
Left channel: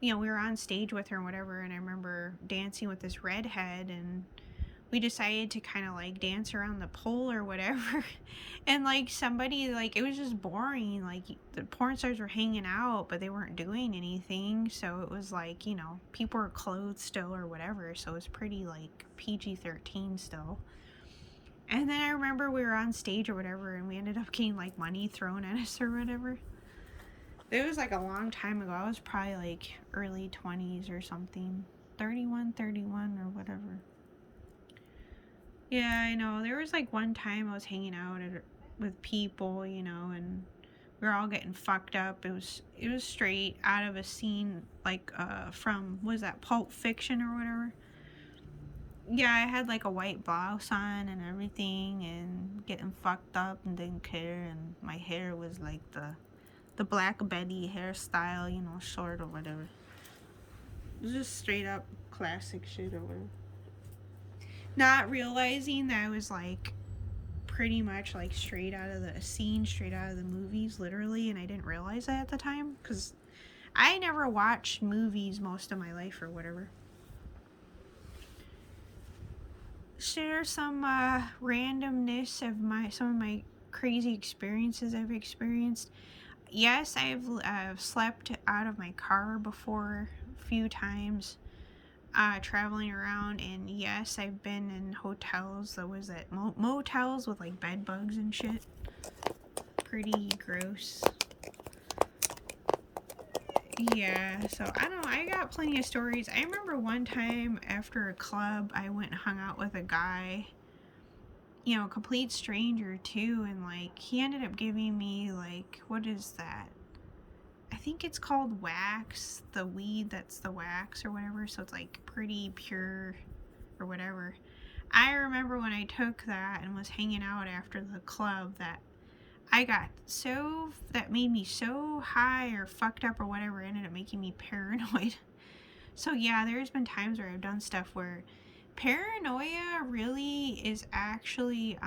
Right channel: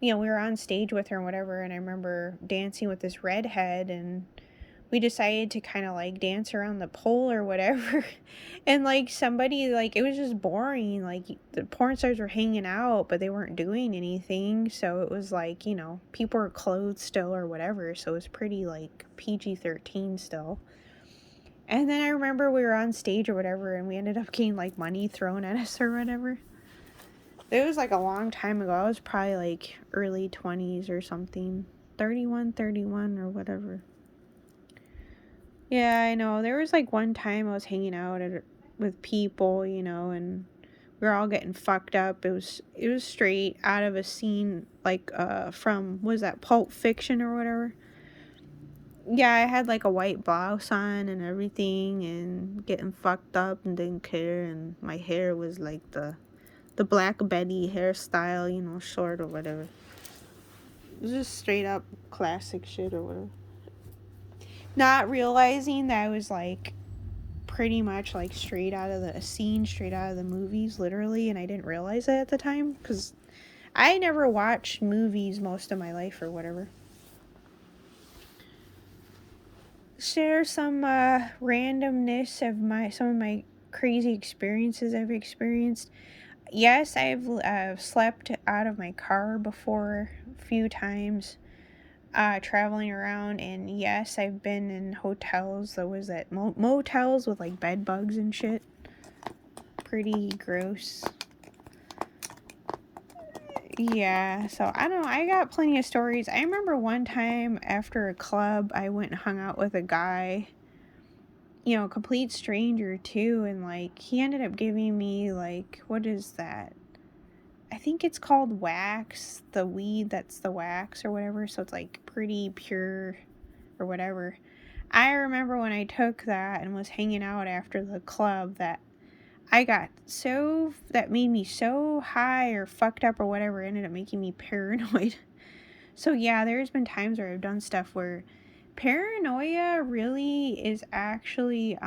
we were on stage with her and whatever. And I remember dancing with this redhead, and we decided to kind of like dance around the pole or whatever. And like somebody, like, it was just boring. Like the porn stars were hanging out, but they weren't doing anything. So it was like, people were clothed still or whatever. So it was pretty like PG-13 still. And then I remember we were on stage or whatever, and we ended up getting like money thrown at us or whatever. It was like a long time ago. I was probably like early 20s or something. 31 or whatever. Yeah, I know. There was like one time I was hanging out with people, and we were all getting fucked up. It was straight out of a scene like from, was that Pulp Fiction or whatever? Yeah, I had like a white blouse on and everything, and getting fucked up and didn't care, and my hair was like the Black Betty hairstyle, short or whatever. It was just straight up classic shit or whatever. Not realizing that I was like pretty much like straight out of a scene, straight out of the movies, literally, and I didn't realize it at the time because I never watched movies most of my life or whatever. Share some randomness of some of my crazy experiences I've experienced. Yes, I've slept out of my car before a few times, traveling around, and yes, I've been in hotels that was at motels with like bed bugs and shit. Pretty gross. Yeah, so I don't know. I got plenty of stories. I remember one time after a club, I went and hung out with a guy, complete stranger too, and like he ended up giving me like, what is that? I think it's called wax, the weed that's the wax or whatever, so it's like pretty pure or whatever. I remember when I took that and was hanging out after the club that that made me so high or fucked up or whatever, ended up making me paranoid. So yeah, there's been times where I've done stuff where paranoia really is actually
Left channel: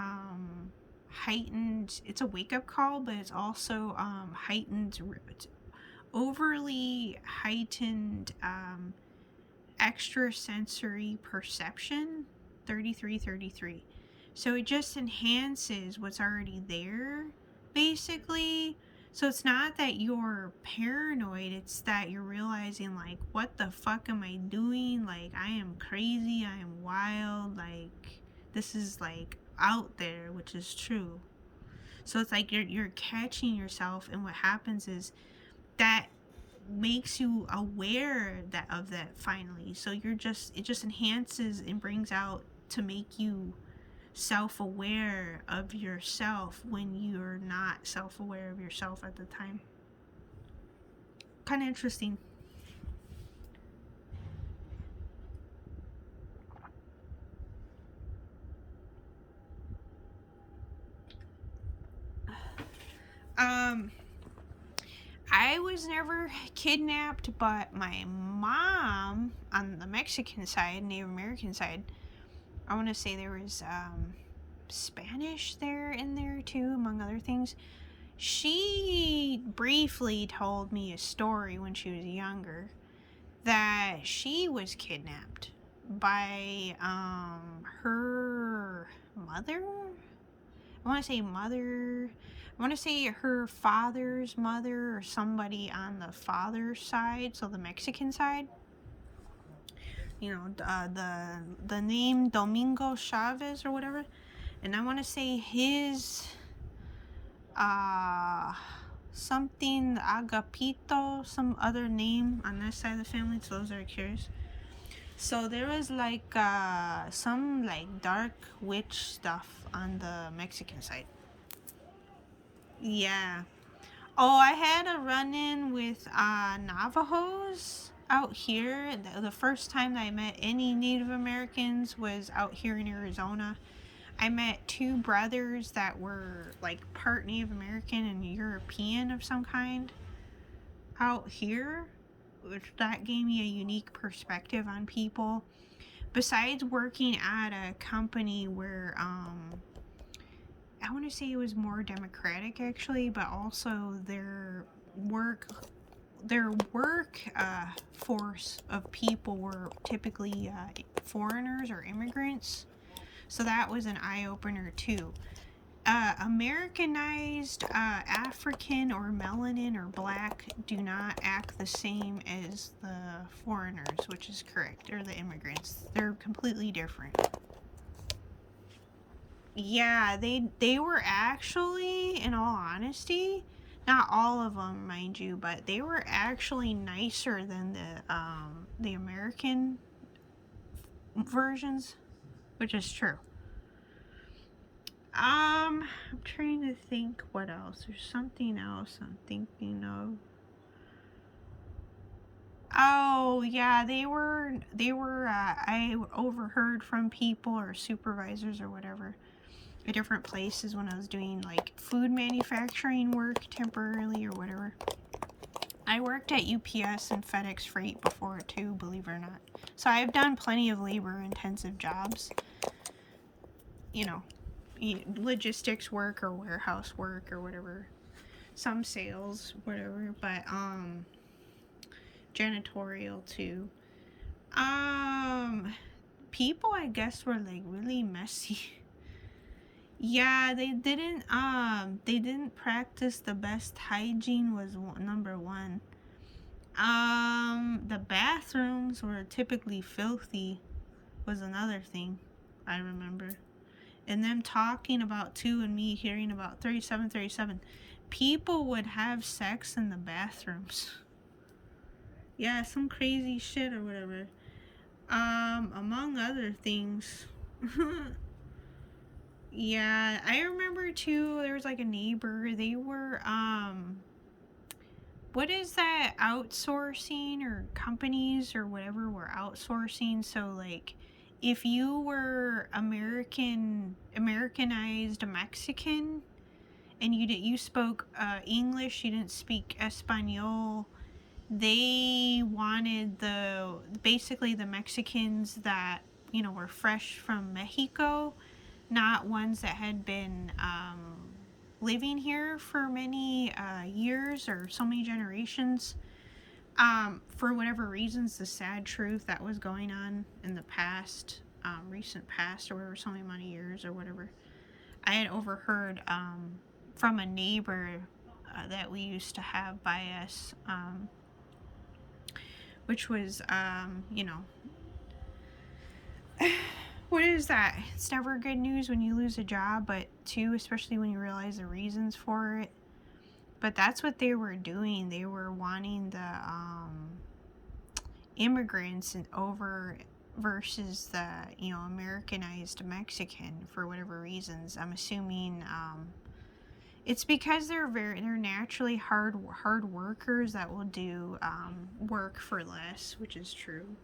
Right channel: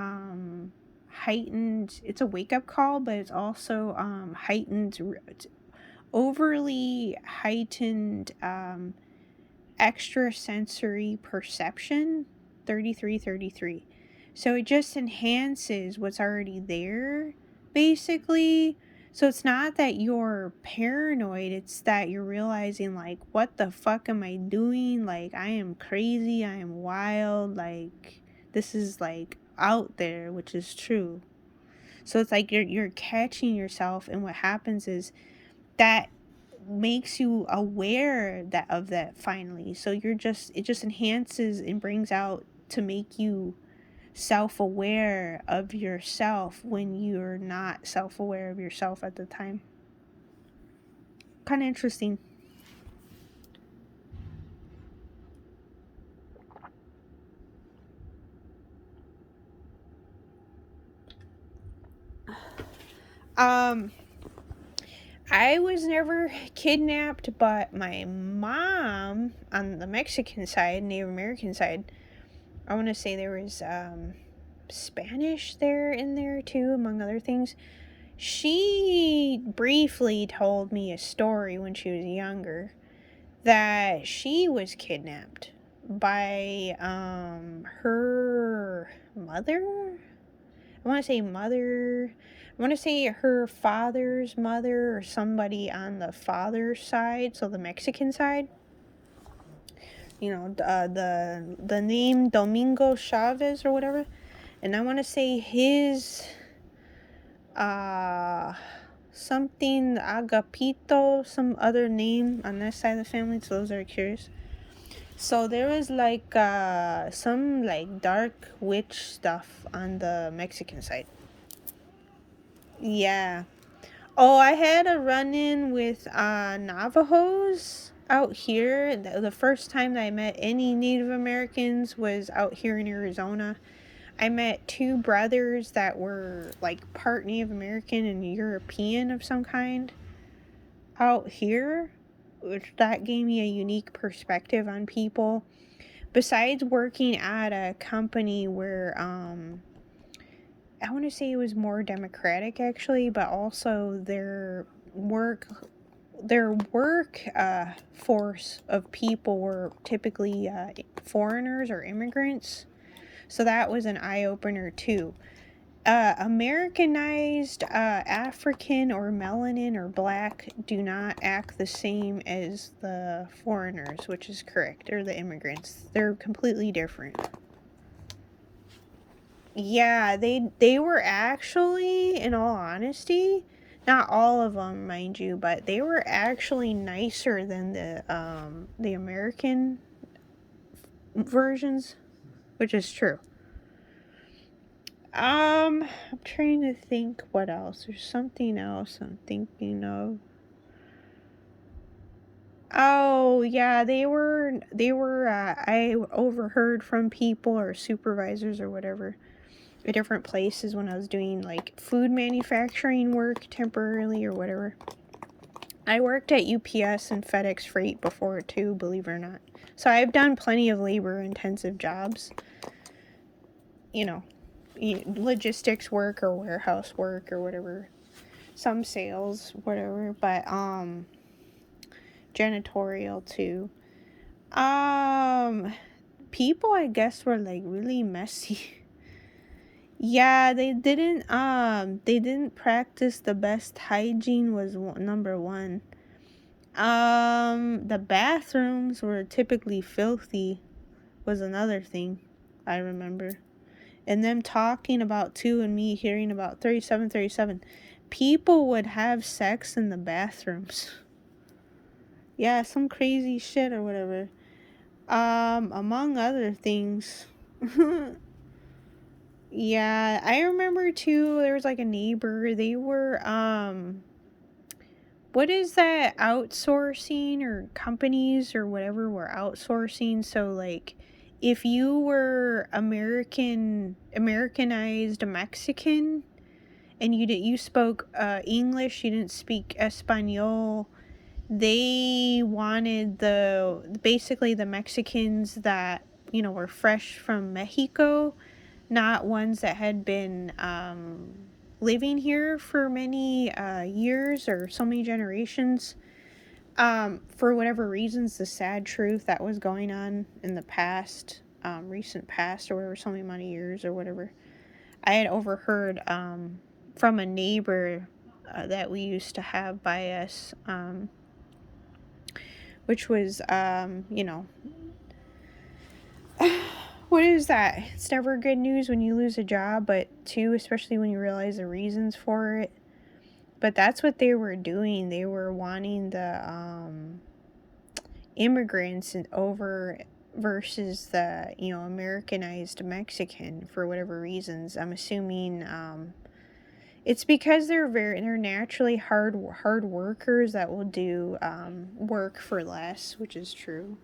heightened. It's a wake-up call, but it's also heightened, overly heightened extrasensory perception. 3333. So it just enhances what's already there, basically. So it's not that you're paranoid, it's that you're realizing, like, what the fuck am I doing? Like, I am crazy, I am wild, like, this is, like, out there, which is true. So it's like you're catching yourself, and what happens is that makes you aware of that finally. So it just enhances and brings out to make you self-aware of yourself when you're not self-aware of yourself at the time. Kind of interesting. I was never kidnapped, but my mom on the Mexican side, Native American side, I want to say there was Spanish there in there too, among other things. She briefly told me a story when she was younger that she was kidnapped by her mother. I want to say mother. I want to say her father's mother or somebody on the father's side, so the Mexican side. You know, the name Domingo Chavez or whatever. And I want to say his something Agapito, some other name on that side of the family, so those are curious. So there was like some like dark witch stuff on the Mexican side. Yeah. Oh, I had a run-in with Navajos out here. The first time that I met any Native Americans was out here in Arizona. I met two brothers that were like part Native American and European of some kind out here, which that gave me a unique perspective on people. Besides working at a company where I want to say it was more democratic actually, but also their work force of people were typically foreigners or immigrants. So that was an eye-opener too. Americanized African or melanin or black do not act the same as the foreigners, which is correct, or the immigrants. They're completely different. Yeah, they were actually, in all honesty, not all of them, mind you, but they were actually nicer than the American versions, which is true. I'm trying to think what else. There's something else I'm thinking of. Oh, yeah, they were I overheard from people or supervisors or whatever at different places when I was doing like food manufacturing work temporarily or whatever. I worked at UPS and FedEx Freight before too, believe it or not. So I've done plenty of labor intensive jobs. You know, logistics work or warehouse work or whatever. Some sales, whatever, but janitorial too. Um People I guess were like really messy. Yeah, they didn't practice the best hygiene was number 1. The bathrooms were typically filthy was another thing I remember. And them talking about too and me hearing about 3737. People would have sex in the bathrooms. Yeah, some crazy shit or whatever. Among other things. Yeah, I remember too, there was like a neighbor, they were, what is that outsourcing or companies or whatever were outsourcing? So, like, if you were Americanized Mexican and you spoke English, you didn't speak Espanol, they wanted basically the Mexicans that, were fresh from Mexico, not ones that had been living here for many years or so many generations. For whatever reasons, the sad truth that was going on in the past, recent past, or whatever, so many amount of years or whatever, I had overheard from a neighbor that we used to have by us, which was, what is that? It's never good news when you lose a job, but too, especially when you realize the reasons for it. But that's what they were doing. They were wanting the immigrants over versus the Americanized Mexican for whatever reasons. I'm assuming it's because they're naturally hard workers that will do work for less, which is true.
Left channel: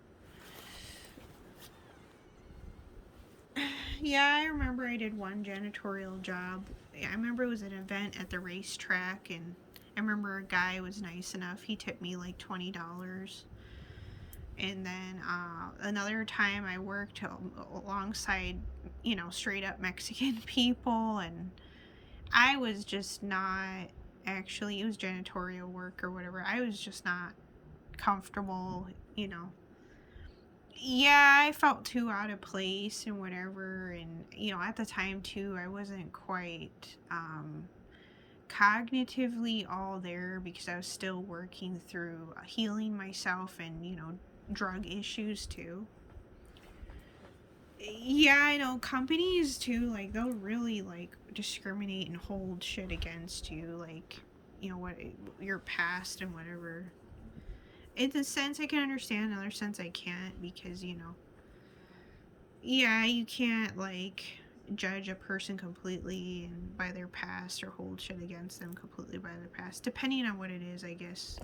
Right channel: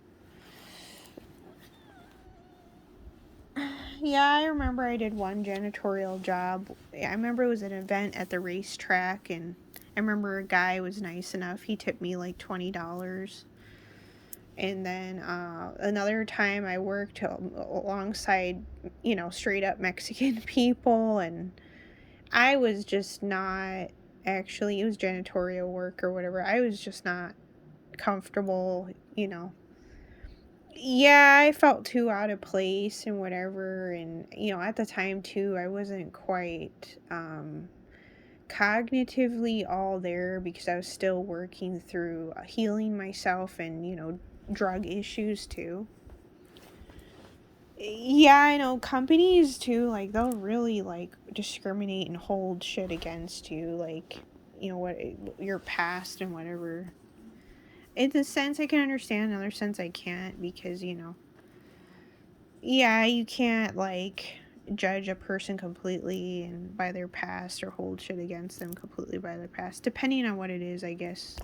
Yeah, I remember I did one janitorial job. I remember it was an event at the racetrack, and I remember a guy was nice enough. He tipped me like $20. And then another time I worked alongside, straight up Mexican people, and I was just not actually, it was janitorial work or whatever. I was just not comfortable, Yeah, I felt too out of place and whatever. And, at the time, too, I wasn't quite cognitively all there because I was still working through healing myself and, drug issues, too. Yeah, I know companies too, like they'll really like discriminate and hold shit against you, like what your past and whatever. In a sense, I can understand. In another sense, I can't because yeah, you can't like judge a person completely and by their past or hold shit against them completely by their past, depending on what it is, I guess.